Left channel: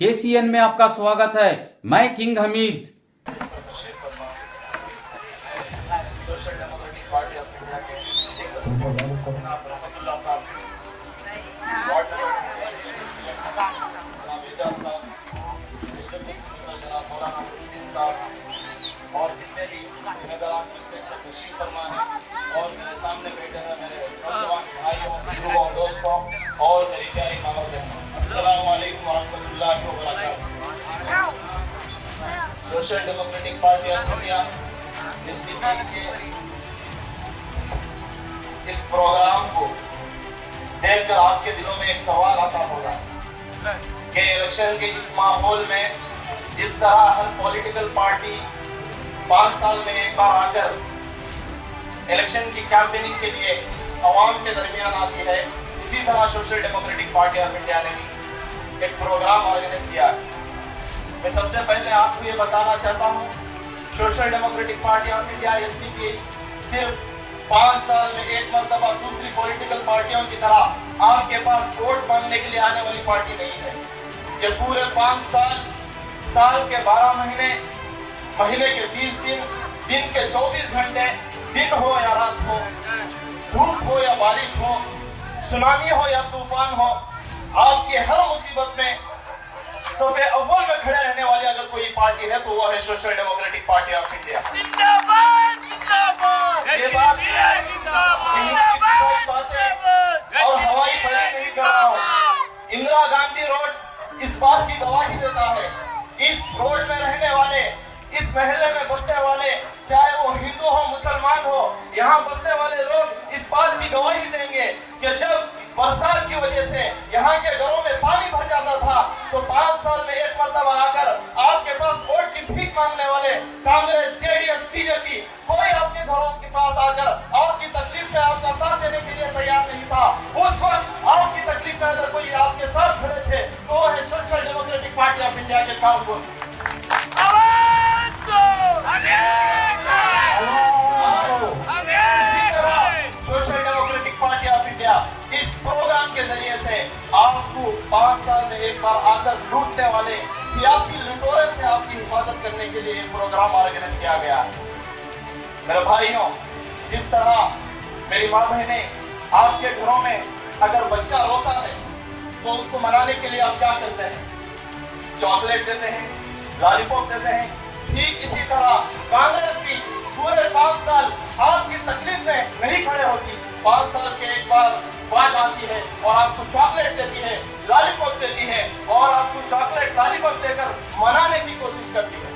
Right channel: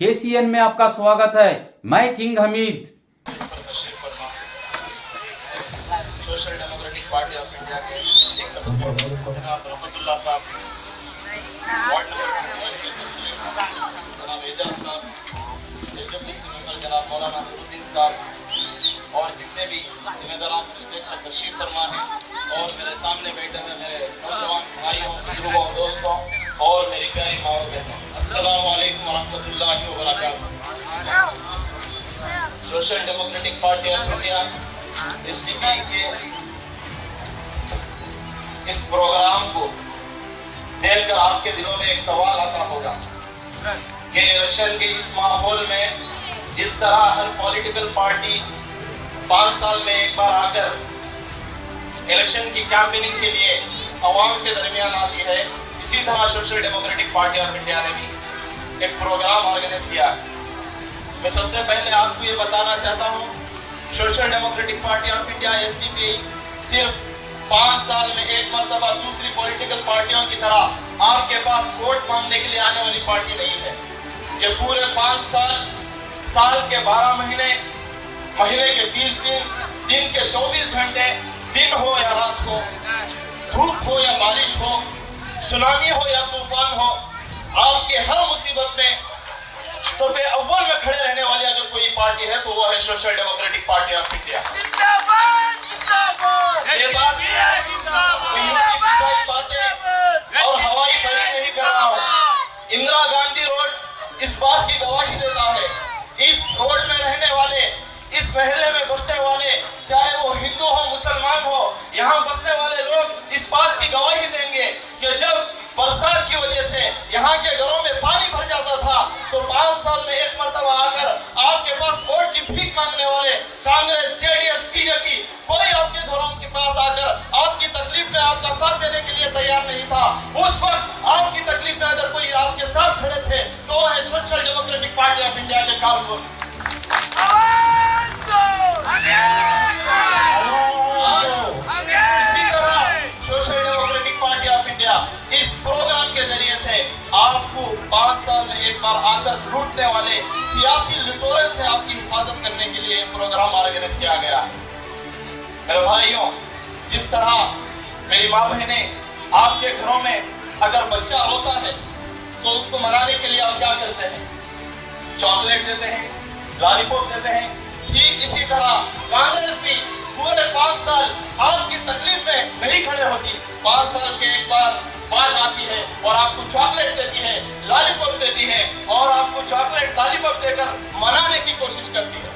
KCN में आपका स्वागत है। मैं king Hamid. Social Democratic Party of India के रहमतुल्लाह साहब, वार्ड नंबर 22 जनाब एजाज साहब, जनाब मौलाना नूरुद्दीन साहब और जितने भी जिम्मेदारान तशरीफ फरमा हैं और मेरे सामने बैठे हुए मेरे नौजवान भाइयों, बुजुर्गों, दोस्तों और मेरी प्यारी माओ बहनों, अस्सलाम वालेकुम रहमतुल्लाहि व बरकातहू। Social Democratic Party of India SDP के इस प्रोग्राम को देखकर आपके दिलों में एक सवाल आता होगा कि इलेक्शन के इस माहौल में जिस तरह हर पॉलिटिकल पार्टी 5 साल में एक बार आकर इलेक्शन की कैंपेनिंग के लिए अवाम के दरमियान आती है, इसी तरह social Democratic Party of India ने भी एक प्रोग्राम ऑर्गेनाइज किया। मैं सबसे पहले आपको ये बताना चाहता हूँ, social Democratic Party of India SDP सिर्फ 5 साल में एक मरतबा दूसरी पॉलिटिकल पार्टियों की तरह आपके पास वोट मांगने के लिए आने वाली पार्टी नहीं है। ये पूरे 5 साल के 12 महीने, महीने के 30 दिन, दिन के 24 घंटे, दिन हो या रात हो, धूप हो या बारिश हो, सुनामी हो या तूफान हो, आपके हर मुसीबत में सबसे अव्वल में खड़े रहने वाली अगर कोई पार्टी है तो वो है Social Democratic Party of India. ये बात बातें और हवाई फाइट नहीं कर रहा हूँ। इंदिरा गांधी रोड इस बात की गवाही देता है। इस रोड में रहने वाले, इस महल्ले में बसने वाले, चाहे वो हिंदू हो मुसलमान हो, यहाँ बसने वाले लोग इस बात की गवाही देंगे कि जब बरसात की वजह से यहाँ के घरों में पानी भर जाता था तो 5 साल में एक मरतबा आकर आपके पास वोट की भीख मांगने वाले कांग्रेस, जेडीएस, बीजेपी कोई आपके घरों के पास आकर आपकी तकलीफ में आपका साथ देने के लिए तैयार नहीं था। उस वक्त आपकी तकलीफ में अगर कोई आपके साथ खड़े थे तो वो है Social Democratic Party of India के कारकुन। Social Democratic Party of India इस प्रोग्राम के जरिए से आपको 5 साल में एक बार आकर लूटने वाले सियासी लुटेरों से आपकी हिफाजत करने के लिए प्रोग्राम ऑर्गेनाइज किया गया। मेरे भाइयों, जिस तरह मेरी माँ बहनें आपके घरों में अगर बच्चा रोता है तो उसको मनाने के लिए आप क्या करते हैं? चॉकलेट देते हैं, लॉलीपॉप देते हैं। ठीक इसी तरह कांग्रेस भी पूरे 5 साल आपकी तकलीफ में नहीं खड़े होती। 5 साल के एक बार बात आती है और आपको चॉकलेट देती है, लॉलीपॉप देती है और आपको चॉकलेट लॉलीपॉप देकर मनाने की कोशिश करती है।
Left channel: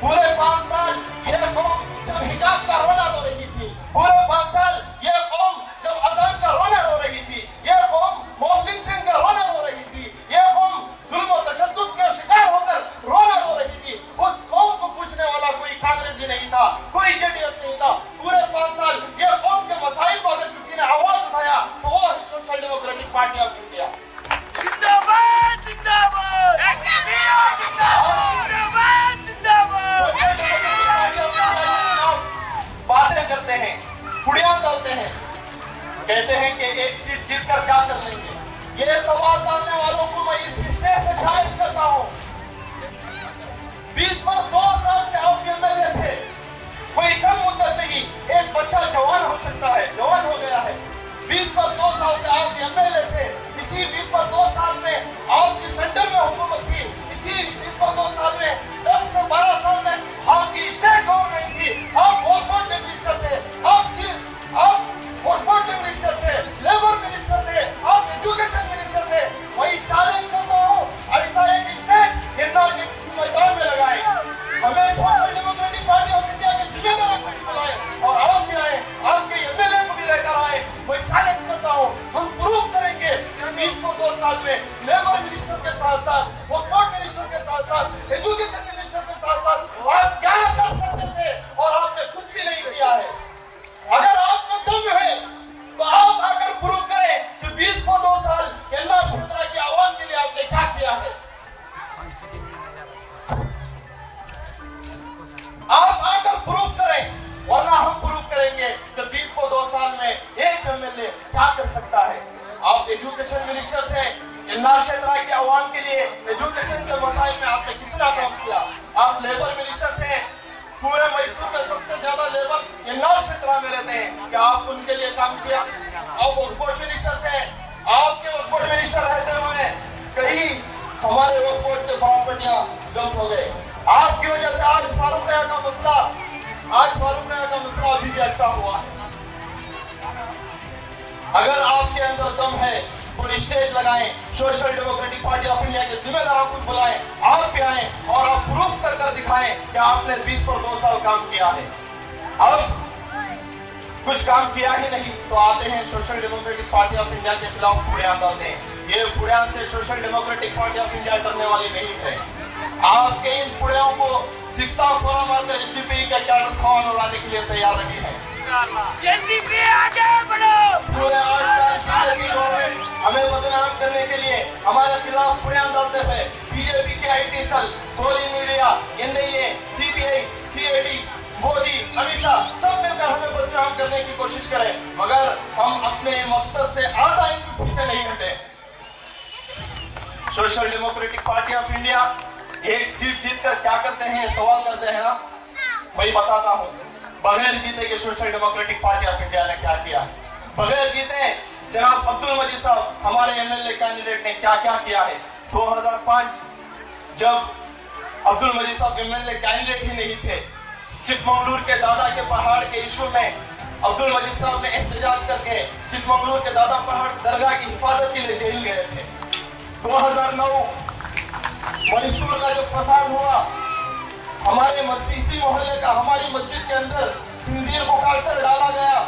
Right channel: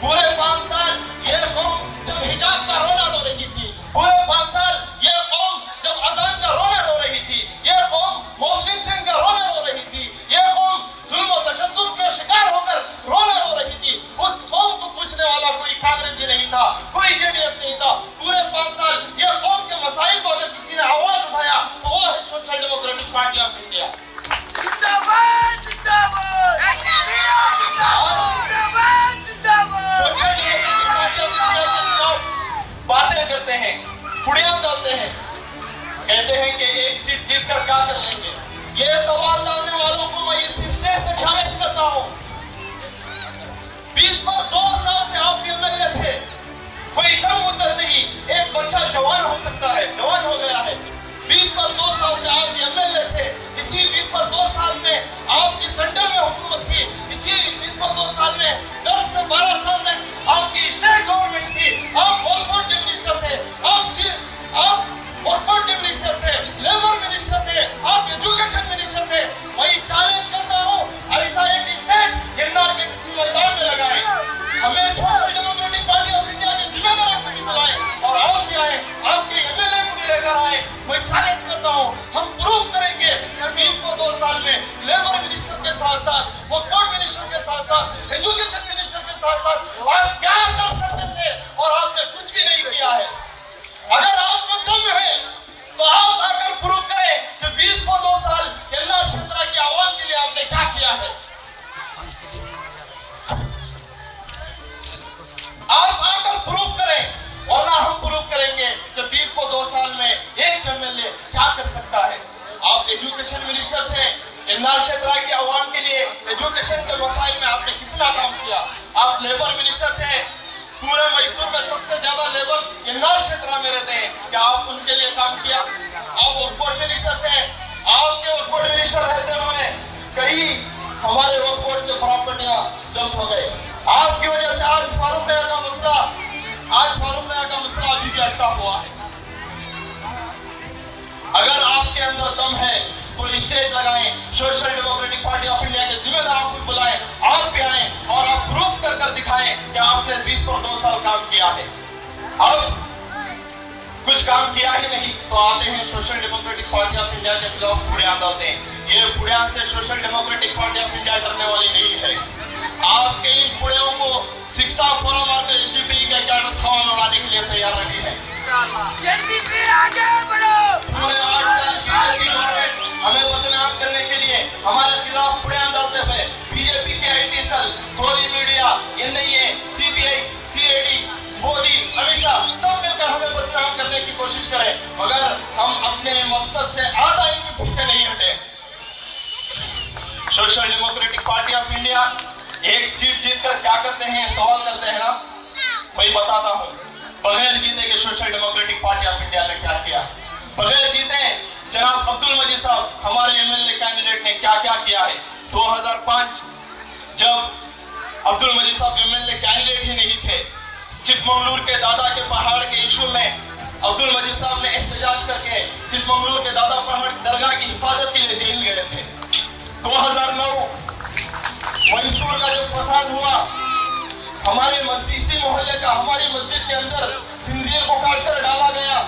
पूरे 5 साल ये कौम जब हिजाब का रोना रो रही थी, पूरे 5 साल ये कौम जब अजान का रोना रो रही थी, ये कौम मॉब लिंचिंग का रोना रो रही थी, ये कौम जुल्म और तशद्दुद का शिकार होकर रोना रो रही थी। उस कौम को पूछने वाला कोई कांग्रेसी नहीं था, कोई जेडीएस नहीं था। पूरे 5 साल ये कौम के मसाइल को अगर किसी ने आवाज उठाया तो वो है Social Democratic Party of India. बातें करते हैं, कुड़ियां करते हैं, कहते हैं कि एक सीट जीत कर क्या कर लेंगे। ये सवाल डालने वालों को मैं इस स्टेज से चैलेंज करता हूँ। 20 पर 2 साल से आप एमएलए थे, कोई कम मुद्दत नहीं, एक बच्चा जवान हो सकता है, जवान हो गया है। 20 पर 2 साल से आप एमएलए थे, इसी 20 पर 2 साल में आपकी सेंटर में हुकूमत थी, इसी 20 पर 2 साल में 10 से 12 साल तक आपकी स्टेट गवर्नमेंट थी। आप कॉर्पोरेट मिनिस्टर थे, आप कॉर्पोरेट मिनिस्टर थे, लेबर मिनिस्टर थे, आप एजुकेशन मिनिस्टर थे। वही चैलेंज करता हूँ, ऐसा एक स्टेट गिरनार के किसी मैदान में लगाए, हमें social Democratic Party of India के जिम्मेदारों को भी बुलाए और आप भी आए, आपके एमएलए को भी लेकर आए। मैं चैलेंज करता हूँ, हम प्रूव करेंगे कि 20 को 2 साल में लेबर मिनिस्टर के साथ साथ, कॉर्पोरेट मिनिस्टर के साथ साथ, एजुकेशन मिनिस्टर के साथ साथ आप क्या कर सकते थे और आपने कुछ भी नहीं किया है। अगर आप में दम है तो आप आकर प्रूव करें कि 20 को 2 साल केंद्र क्षेत्र की आवाम के लिए आपने क्या किया है। आप आकर प्रूफ करें, वरना हम प्रूफ करेंगे कि 20 को 2 साल में एक एमएलए क्या कर सकता है। आप एजुकेशन मिनिस्टर थे, इंदौर क्षेत्र के अवाम के लिए एजुकेशन के मसाइल में आपने कितना काम किया। आप लेबर मिनिस्टर थे, पूरे मैसूर में सबसे ज्यादा लेबर यंगार क्षेत्र में रहते हैं, क्या आप उनके लिए काम किया? आप वक्फ बोर्ड मिनिस्टर थे, आपके वक्फ बोर्ड मिनिस्टर रहते हुए कहीं हमारे वक्फ बोर्ड के प्रॉपर्टियां जब्त हो गए। आपकी वजह से आज फारूक का मसला अभी भी अटका हुआ है। अगर आपके अंदर दम है तो स्टेज लगाएं, social Democratic Party of India के जिम्मेदारों को बुलाएं, आप भी आए और आप प्रूफ कर दिखाएं कि आपने 20 और 2 साल काम किया है। अब कुछ काम किया ही नहीं तो आते हैं social Democratic Party of India के खिलाफ बुनियाद डालते हैं। ये बुनियाद से social Democratic Party of India डरने वाली नहीं है। आपके इन बुनियादों को शिक्षा फोरम और एसडीपी के कैडर हवा में उड़ाने के लिए तैयार रही है। पूरे 8 साल बीजेपी गवर्नमेंट हमें बदनाम करने के लिए हमारे खिलाफ बुनियाद डालते हुए बीजेपी के आईटी सेल, टोली media, NIA, CBI, CID, Modi, Amit Shah सब मिलकर हमें बदनाम करने की कोशिश करें, मगर हम अपने मकसद से आधा इंच भी पीछे नहीं हटे। Social Democratic Party of India एक सीट जीतकर क्या करते हैं, सवाल करते हैं ना, मैं बताता हूं। बगैर जीते के Social Democratic Party of India ने क्या किया। बगैर जीते जनाब अब्दुल मजीद साहब हमारे एमएलए कैंडिडेट ने क्या क्या किया है। 2005 जब अब्दुल मजीद साहब एमएलए कैंडिडेट ही नहीं थे, चिकमंगलूर के दादा के पहाड़ के इशू में अब्दुल मजीद साहब ने एहतजाज करके चिकमंगलूर के दादा पहाड़ दरगाह की हिफाजत के लिए जेल गए थे। 2009 मैसूर का जो फसाद हुआ, हमारे मस्जिदी मोहल्ले का, हमारी मस्जिद के अंदर खंजीर को काटकर डाला गया,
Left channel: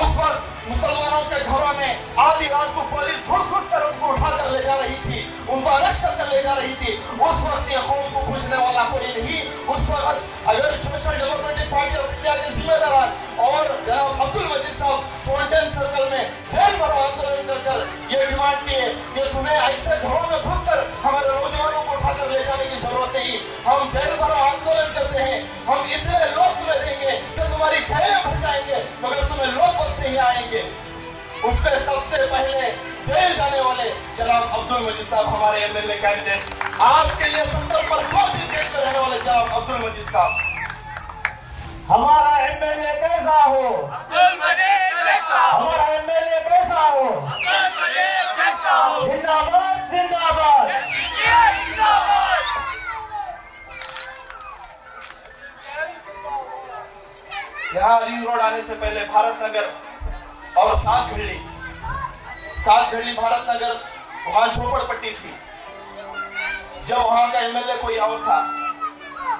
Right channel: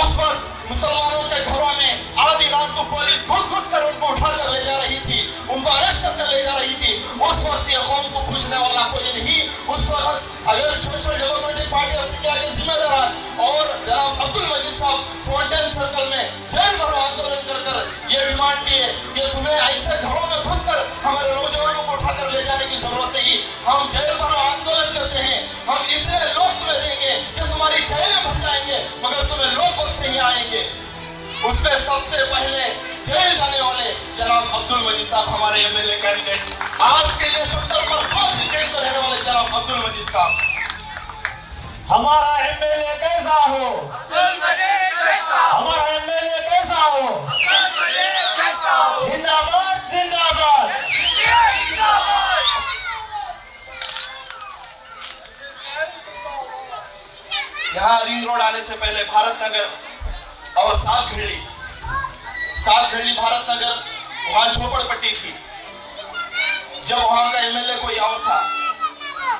उस वक्त मुसलमानों के घरों में आधी रात को पुलिस घुस कर उनको उठाकर ले जा रही थी, उनको अरेस्ट करकर ले जा रही थी। उस वक्त ये कौम को पूछने वाला कोई नहीं। उस वक्त अगर social Democratic Party of India के जिम्मेदार और जनाब अब्दुल मजीद साहब फाउंटेन सर्कल में जेल भरो आंदोलन कर ये डिमांड किए कि तुम्हें ऐसे घरों में घुसकर हमारे नौजवानों को उठाकर ले जाने की जरूरत नहीं, हम जेल भरो आंदोलन करते हैं, हम इतने लोग तुम्हें देंगे कि तुम्हारी जेलें भर जाएंगे, मगर तुम्हें लोग बस नहीं आएंगे। उसमें सबसे पहले जेल जाने वाले जनाब अब्दुल मजीद साहब हमारे एमएलए कैंडिडेट, आपके लिए संकल्प पर 2 दिन जेल में रहने वाले जनाब अब्दुल मजीद साहब। हमारा एमएलए कैसा हो, हमारा एमएलए कैसा हो, जिंदाबाद जिंदाबाद। यहाँ रिंग रोड आने से पहले भारत नगर और सात घड़ी भारत नगर, वहां झोपड़पट्टी थी। जब वहां का एमएलए कोई और था,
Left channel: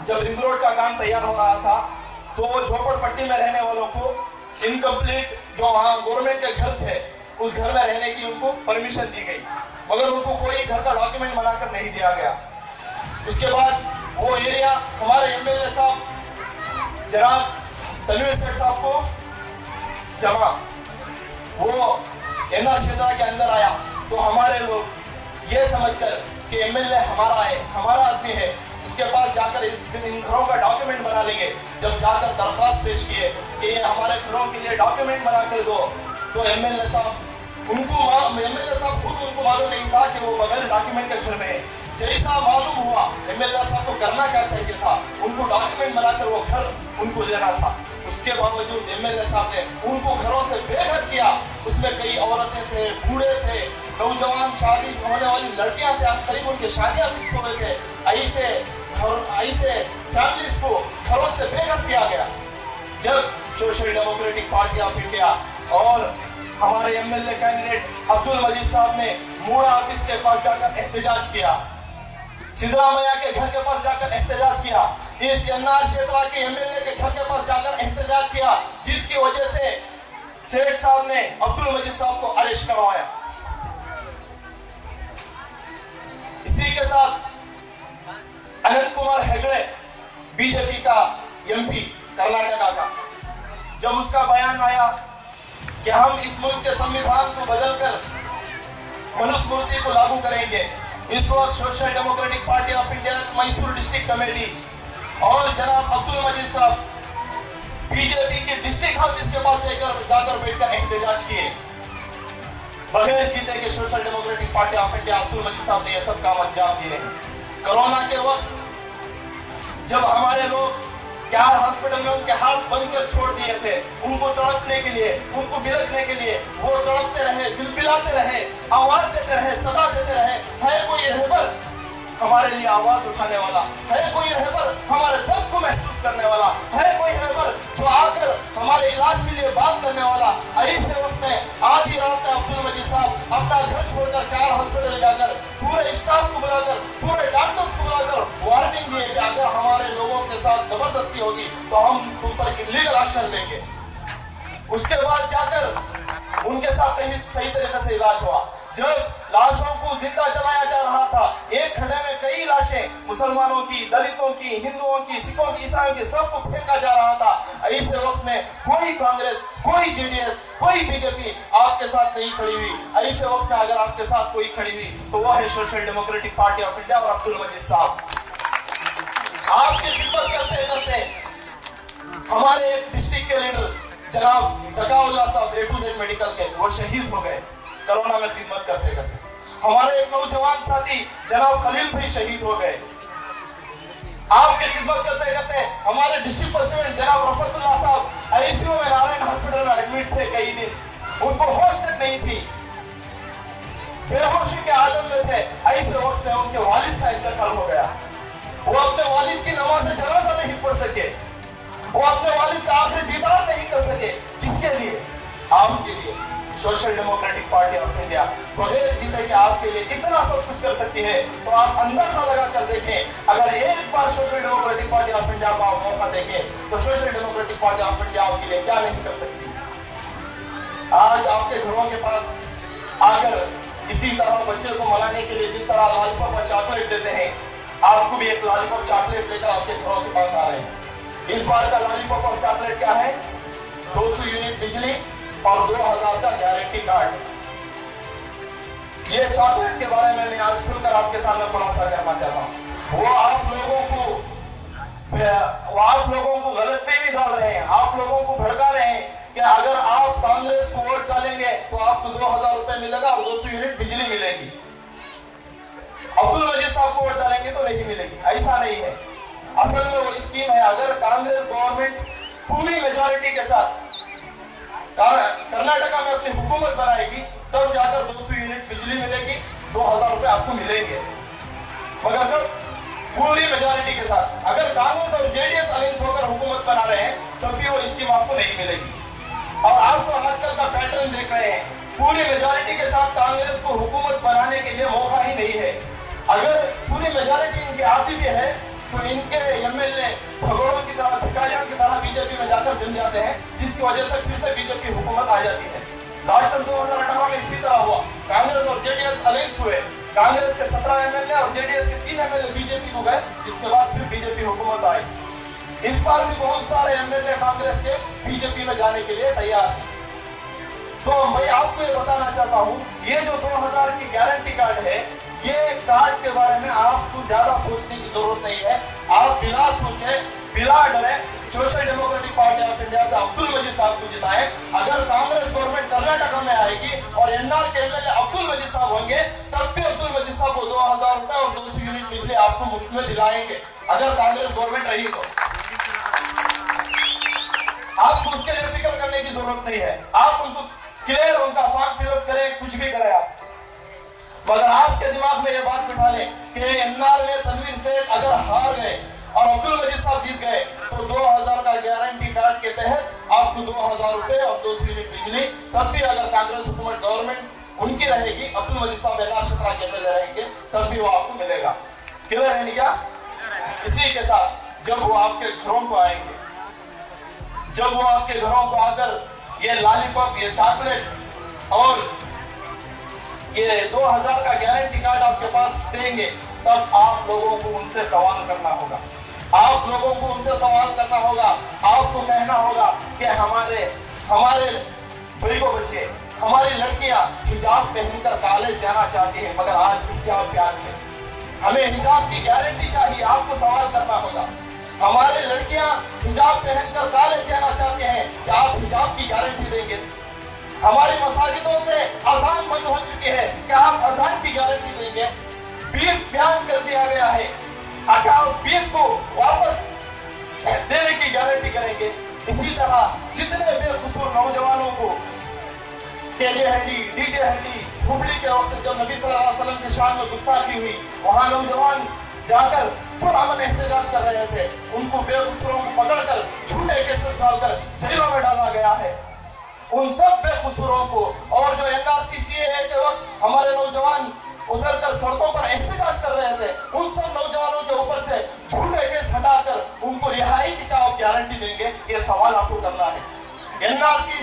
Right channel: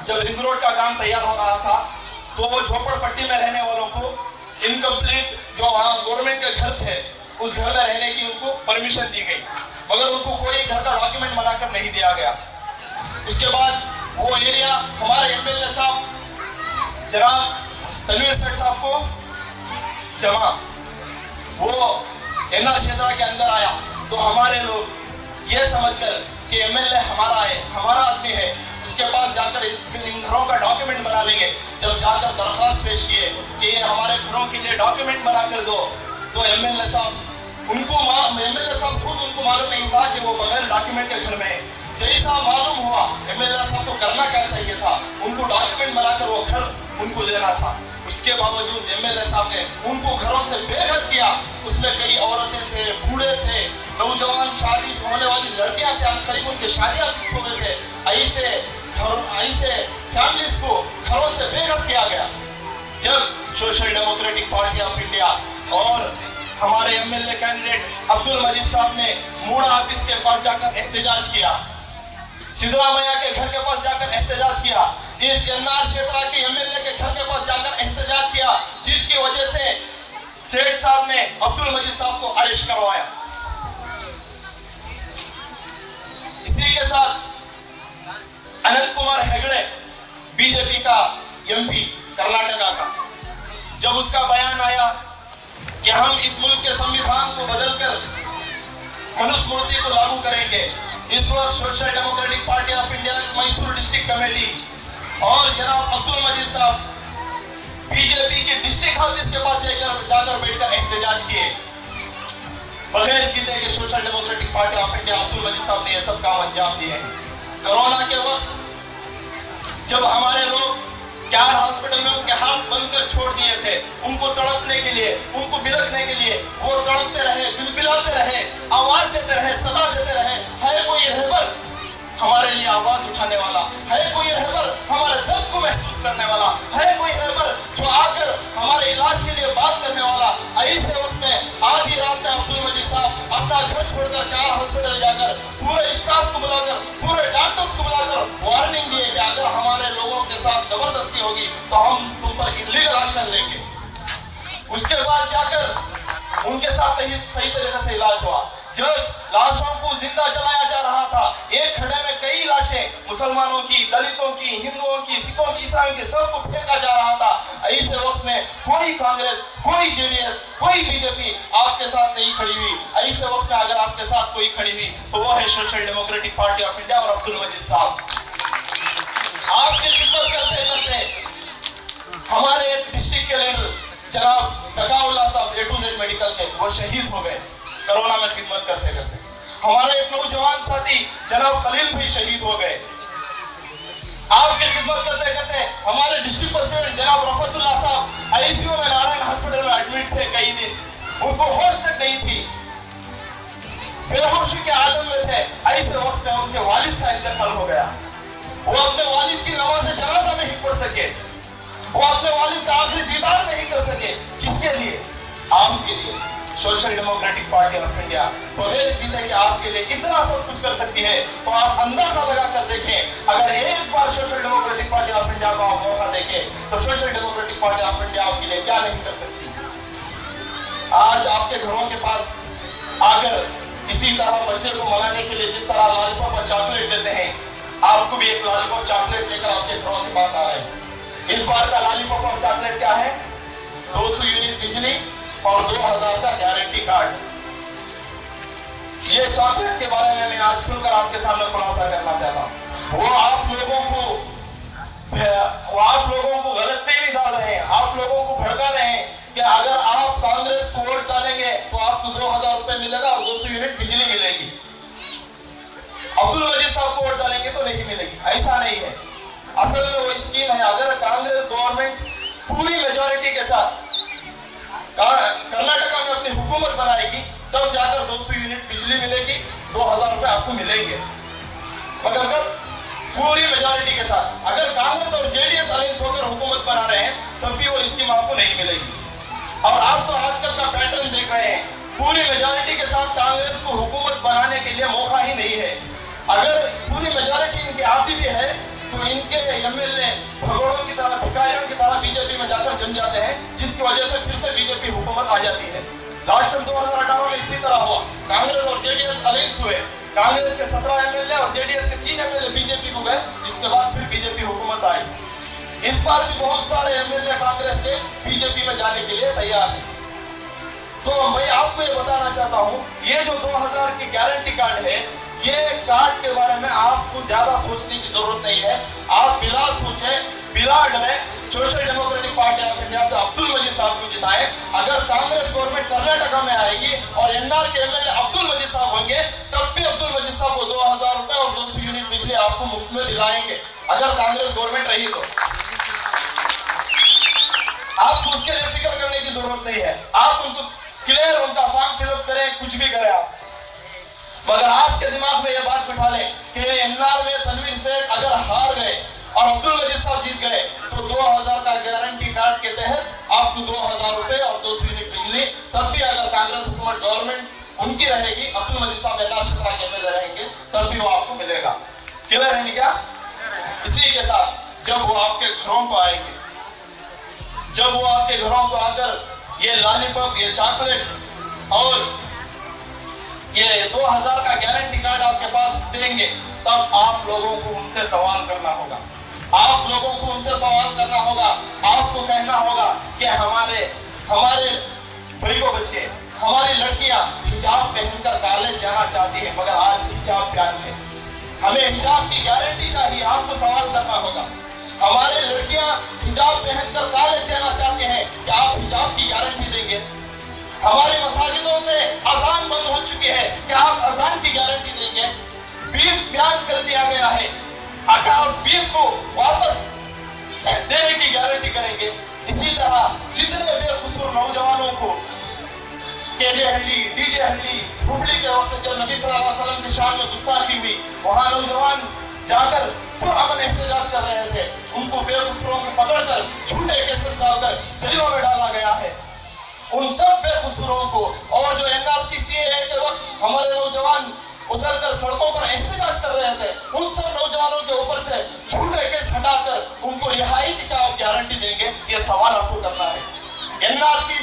जब रिंग रोड का काम तैयार हो रहा था तो वो झोपड़पट्टी में रहने वालों को इनकम्प्लीट जो वहां गवर्नमेंट के घर थे उस घर में रहने की उनको परमिशन दी गई, मगर उनको कोई घर का डॉक्यूमेंट बनाकर नहीं दिया गया। उसके बाद वो एरिया हमारे एमएलए साहब जनाब तनवीर सेठ साहब को जमा, वो एनआर क्षेत्र के अंदर आया तो हमारे लोग ये समझकर कि एमएलए हमारा है, हमारा आदमी है, उसके पास जाकर इन घरों का डॉक्यूमेंट बना लेंगे। जब जाकर दरखास्त पेश किए कि ये हमारे घरों के लिए डॉक्यूमेंट बना कर दो, तो एमएलए साहब खुद उनको मालूम नहीं था कि वो बगैर डॉक्यूमेंट के घर में। जैसा मालूम हुआ एमएलए साहब को करना क्या चाहिए था, उनको डॉक्यूमेंट बनाकर वो घर उनको देना था। उसके बावजूद एमएलए साहब ने उनको घरों से बेघर किया। उसमें कई औरतें थे, बूढ़े थे, नौजवान, शादी होने वाली लड़कियां थे, करीब उनके शादियां फिक्स हो गए थे। ऐसे फैमिलीज को घरों से बेघर किया गया। जब social Democratic Party of India और हमारे एमएलए कैंडिडेट अब्दुल मजीद साहब ने मूड़ा ऑफिस के पास जाकर एहतजाज किया, सिद्धरामैया के घर के पास जाकर एहतजाज किया, इस एनआर क्षेत्र के एमएलए के घर के पास जाकर एहतजाज किया, जिसकी वजह से सेठ साहब ने अब्दुल मजीद साहब को अरेस्ट करवाया। इसी के साथ अनंत कुमार हेगड़े बीजेपी का एमपी कर्नाटका का, जब उसका बयान आया कि हम इस मुल्क के संविधान को बदलकर मनुस्मृति को लागू करेंगे, इस वक्त social Democratic Party of India Mysore district committee और जनाब अब्दुल मजीद साहब बीजेपी के डिस्ट्रिक्ट ऑफिस के पास जाकर बैठकर एहतजाज किए। बगैर जीते के Social Democratic Party of India Abdul Majeed साहब ने यह सब सियासत का अंजाम दिए हैं। कोरोना के वक्त जब हमारे लोग कैर हॉस्पिटल में उनके हाथ बंद छोड़ दिए थे, उनको तड़पने के लिए, उनको बिलखने के लिए, वो तड़पते रहे, बिलबिलाते रहे, आवाज देते रहे, सदा देते रहे। है कोई रहबर हमारे लिए आवाज उठाने वाला? है कोई रहबर हमारे दर्द को महसूस करने वाला? है कोई रहबर जो आकर हमारे इलाज के लिए बात करने वाला? ऐसे वक्त में आधी रात में अब्दुल मजीद साहब अपना घर छोड़कर कैर हॉस्पिटल जाकर पूरे स्टाफ को बुलाकर, पूरे डॉक्टर्स को बुलाकर वार्निंग दिए कि अगर हमारे लोगों के साथ जबरदस्ती होगी तो हम तुम पर इलीगल एक्शन लेंगे। उसके बाद जाकर उनके साथ सही तरीके से इलाज हुआ। जब लाशों को जिंदा जलाया जा रहा था, एक खड्डे में कई लाशें मुसलमानों की, दलितों की, हिंदुओं की, सिखों की, ईसाइयों की, सबको फेंका जा रहा था। ऐसे वक्त में कोई कांग्रेस, कोई जेडीएस, कोई बीजेपी आपके साथ नहीं खड़ी हुई। ऐसे वक्त में अगर आपके साथ कोई खड़ी हुई तो वो है Social Democratic Party of India और अब्दुल मजीद साहब। आपकी खिदमत करते करते हमारे डिस्ट्रिक्ट के लीडर जनाब जकाउल्लाह साहब A to Z मेडिकल के, वो शहीद हो गए कोरोना में खिदमत करते करते। हमारे एक नौजवान साथी जनाब खलील भी शहीद हो गए आपकी खिदमत करते करते। हमारे डिस्ट्रिक्ट प्रेसिडेंट जनाब रफतुल्लाह साहब आईसीयू में नारायण हॉस्पिटल में एडमिट थे कई दिन, उनको होश तक नहीं थी, बेहोशी के आलम में थे। ऐसे वक्त में उनके वालिद का इंतकाल हो गया। वो अपने वालिद की नमाज़ जनाजा नहीं पढ़ सके, वो अपने वालिद का आखिरी दीदार नहीं कर सके। किसके लिए? आपके लिए। Social Democratic Party of India बगैर जीते के आपके लिए इतना सब कुछ कर सकती है, तो आप अंदाजा लगा कर देखें। अगर एक बार Social Democratic Party of India को आप मौका देंगे तो Social Democratic Party of India आपके लिए क्या नहीं कर सकती। आज आपके घरों के पास आकर इसी तरह बच्चे को मनाने के लिए जिस तरह लॉलीपॉप और चॉकलेट देते हैं, आपको भी एक लॉलीपॉप चॉकलेट लेकर आपके घरों के पास आ रहे हैं। इस बार का लॉलीपॉप और चॉकलेट क्या है? 200 यूनिट बिजली और 2000 का गारंटी कार्ड। ये चॉकलेट के बारे में मैं आज खुलकर आपके सामने खुलासा करना चाहता हूँ। वो आप लोगों को गलतफहमी डाल रहे हैं, आप लोगों को भड़का रहे हैं कि अगर आप कांग्रेस को वोट डालेंगे तो आपको 2000 रुपए मिलेगा और 200 यूनिट बिजली मिलेगी। अब्दुल मजीद साहब को वोट डालेंगे तो नहीं मिलेगी, ऐसा नहीं है। असल में वो स्कीम है, अगर कांग्रेस गवर्नमेंट पूरी मेजॉरिटी के साथ कर्नाटका में अपनी हुकूमत बनाएगी तब जाकर 200 यूनिट बिजली मिलेगी, 2000 रुपए आपको मिलेंगे। मगर अगर पूरी मेजॉरिटी के साथ अगर कांग्रेस और जेडीएस अलायंस होकर हुकूमत बना रहे हैं तब भी वो स्कीम आपको नहीं मिलेगी। और आप तो आजकल का पैटर्न देख रहे हैं, पूरी मेजॉरिटी के साथ कांग्रेस को हुकूमत बनाने के लिए मौका ही नहीं है। अगर पूरी मेजॉरिटी इनकी आती भी है तो इनके एमएलए भगोड़ों की तरह, भिखारियों की तरह बीजेपी में जाकर जम जाते हैं, जिसकी वजह से फिर से बीजेपी हुकूमत आ जाती है। लास्ट में 2018 में इसी तरह हुआ, कांग्रेस और जेडीएस अलायंस हुए, कांग्रेस के 17 एमएलए और जेडीएस के 3 एमएलए बीजेपी को गए, जिसके बाद फिर बीजेपी हुकूमत आई। इस बार भी बहुत सारे एमएलए कांग्रेस के बीजेपी में जाने के लिए तैयार हैं। तो मैं आपको ये बताना चाहता हूँ, ये जो 2000 की गारंटी कार्ड है, ये कार्ड के बारे में आपको ज्यादा सोचने की जरूरत नहीं है। आप बिना सोचे, बिना डरे social Democratic Party of India से अब्दुल मजीद साहब को जिताएं। अगर कांग्रेस गवर्नमेंट कर्नाटका में आएगी और एनआर के एमएलए अब्दुल मजीद साहब होंगे तब भी अब्दुल मजीद साहब को 2000 रुपए और 200 यूनिट बिजली आपको मुफ्त में दिलाएंगे, अगर कांग्रेस गवर्नमेंट रही तो। आपको उसके लिए फिक्र करने की जरूरत नहीं है। आप उनको क्लियर उनका फॉर्म फिलअप करें, कुछ भी करें आप, मगर आपके दिमाग में ये बात बिठा लें कि एनआर में तनवीर सेठ अगर हार गए और अब्दुल मजीद साहब जीत गए तो 2000 का गारंटी कार्ड के तहत आपको 2000 रुपए और 200 यूनिट बिजली, तब भी अगर कांग्रेस हुकूमत गवर्नमेंट उनकी रहेगी, अब्दुल मजीद साहब एनआर क्षेत्र के अंदर रहेंगे, तब भी वो आपको मिलेगा। क्लियर है क्या? इसी के साथ जब वो आपके घरों को आएंगे, जब वो आपके घरों को आकर ये लॉलीपॉप, ये चॉकलेट और ये 2000 का गारंटी कार्ड आपके पास देंगे, तब आप लोगों को उनसे सवाल करना होगा। आप लोगों को उनसे सवाल करना होगा, आपको कहना होगा कि हमारे भाई को बच्चे, हमारी लड़कियां हिजाब पहनकर कॉलेज जाना चाहती हैं, मगर आज हिजाब क्या है, हमें हिजाब की गारंटी चाहिए। आपको सवाल करना होगा। हमारे लड़कियां हिजाब पहनकर कॉलेज जाना चाहते हैं, क्या आप हिजाब की गारंटी देंगे? हमारी मसाजिदों से अजान बंद हो चुकी है, क्या आप अजान की गारंटी देंगे? बीफ बैन कर दिया गया है। अगर आप बीफ को वापस देने की गारंटी करेंगे, इसी तरह जितने बेकसूर नौजवानों को केजे हली, डीजे हली, हुबली के वक्त जब नबी सल्लल्लाहु अलैहि वसल्लम की शान में गुस्ताखी हुई, वहां नौजवान जाकर पुरअमन एहतजाज कर रहे थे, उनको बेकसूरों को पकड़कर झूठे केसेस डालकर जेलों में डाला गया है। उन सब बेकसूरों को, और जो एनआरसी के वक्त हमारे नौजवान उतरकर सड़कों पर एहतजाज कर रहे थे, उन सब नौजवानों के ऊपर से झूठे केस हटाकर उनको रिहाई की क्या आप गारंटी देंगे? ये सवाल आपको करना है। एनआरसी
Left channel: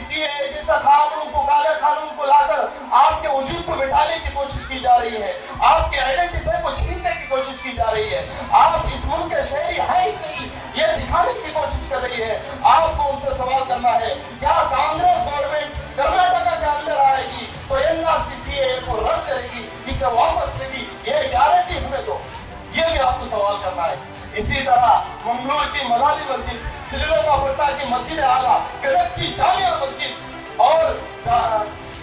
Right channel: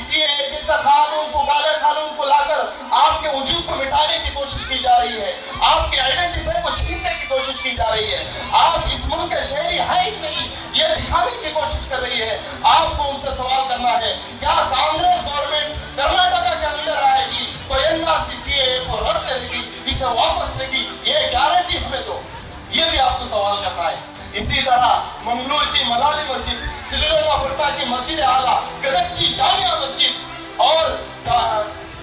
जैसा कानून को, काले कानून को लाकर आपके वजूद को मिटाने की कोशिश की जा रही है, आपके आइडेंटिफाई को छीनने की कोशिश की जा रही है। आप इस मुल्क के शहरी है नहीं, ये दिखाने की कोशिश कर रही है। आपको उनसे सवाल करना है, क्या कांग्रेस गवर्नमेंट कर्नाटक के अंदर आएगी तो एनआरसी को रद्द करेगी, इसे वापस लेगी? ये गारंटी हमें दो, ये भी आपको सवाल करना है। इसी तरह मंगलूर की मलाली मस्जिद, सिलगोगा की मस्जिद आला, गदर की जामिया मस्जिद और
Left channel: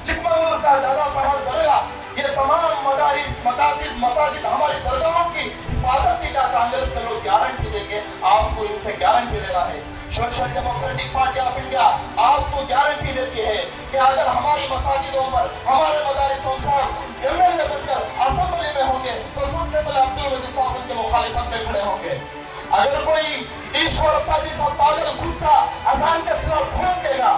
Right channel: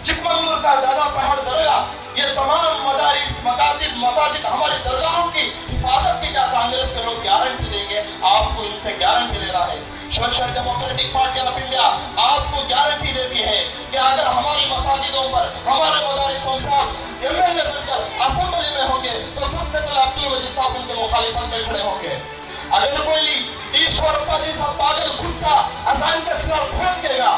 चिकमंगलूर का दादा पहाड़ दरगाह, ये तमाम मदारिस, मकातिब, मसाजिद, हमारे दरगाहों की हिफाजत की क्या कांग्रेस के लोग गारंटी देंगे? आपको इनसे गारंटी लेना है। Social Democratic Party of India आपको गारंटी देती है कि अगर हमारी मसाजिदों पर, हमारे मदारिसों पर एमएलए बनकर असेंबली में होंगे तो सबसे पहले अब्दुल मजीद साहब उनके मुखालिफत में खड़े होंगे। अगर कोई ईश्वरप्पा जैसा पागल कुत्ता अजान के खिलाफ भड़केगा,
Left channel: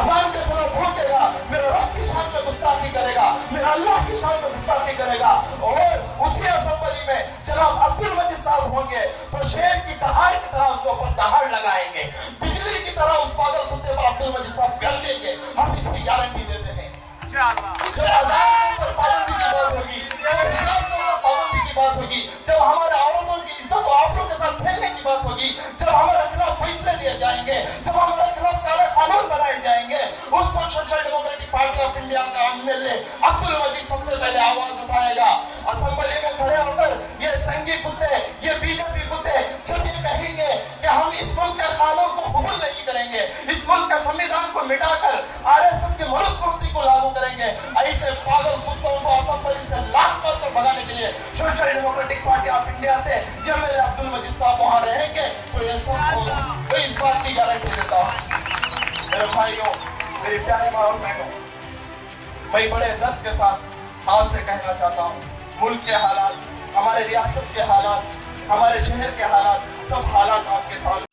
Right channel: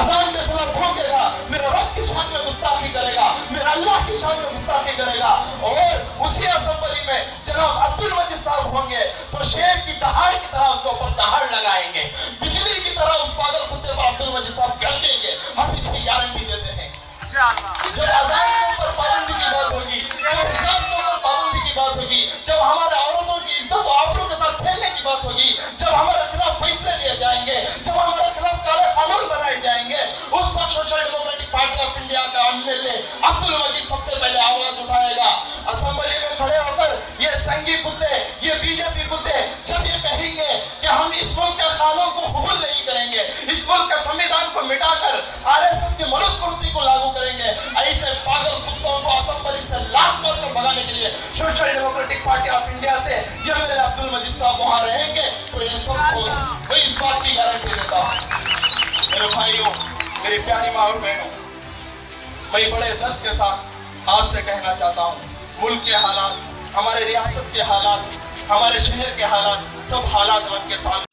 अजान के खिलाफ भड़केगा, मेरे रब की शान में गुस्ताखी करेगा, मेरे अल्लाह की शान में गुस्ताखी करेगा, और उसी असेंबली में जनाब अब्दुल मजीद साहब होंगे तो शेर की दहाड़ की तरह उसके ऊपर दहाड़ लगाएंगे, बिजली की तरह उस पागल कुत्ते पर अब्दुल मजीद साहब कर देंगे। हम इसकी गारंटी देते हैं। जब अजान पर पाबंदी की बात होगी, जब हिजाब पर पाबंदी की बात होगी, जब हमारे औरतों की इज्जत और आबरू के साथ खेलने की बात होगी, जब हमारे खिलाफ फैसले लिए जाएंगे, जब हमारे खिलाफ काले कानून बनाए जाएंगे, उस वक्त social Democratic Party of India का एमएलए अब्दुल मजीद सबसे पहले आवाज उठाएगा। असेंबली में खड़े होकर ये संघी कुत्ते, ये बीजेपी कुत्ते जब ये कहेंगे कि हम इस मुल्क के कानून को कबूल नहीं करेंगे, इस मुल्क के संविधान को मिटाकर आरएसएस की मनुस्मृति को लागू करेंगे, ऐसे पागल कुत्तों को असेंबली से लात मारकर भगाने के लिए social Democratic Party of India से ये मेरे अब्दुल मजीद साहब वहां रहेंगे तो ये सबको तो इस बात की गारंटी देता हूं। मेरे भाइयों, मेरी प्यारी माँ और बहनों, मैं बड़े दर्द के साथ आपसे कहना चाहता हूँ, मुल्क के हालात, हमारे रियासत के हालात, हमारे शहर के हालात, सब हालात आपके सामने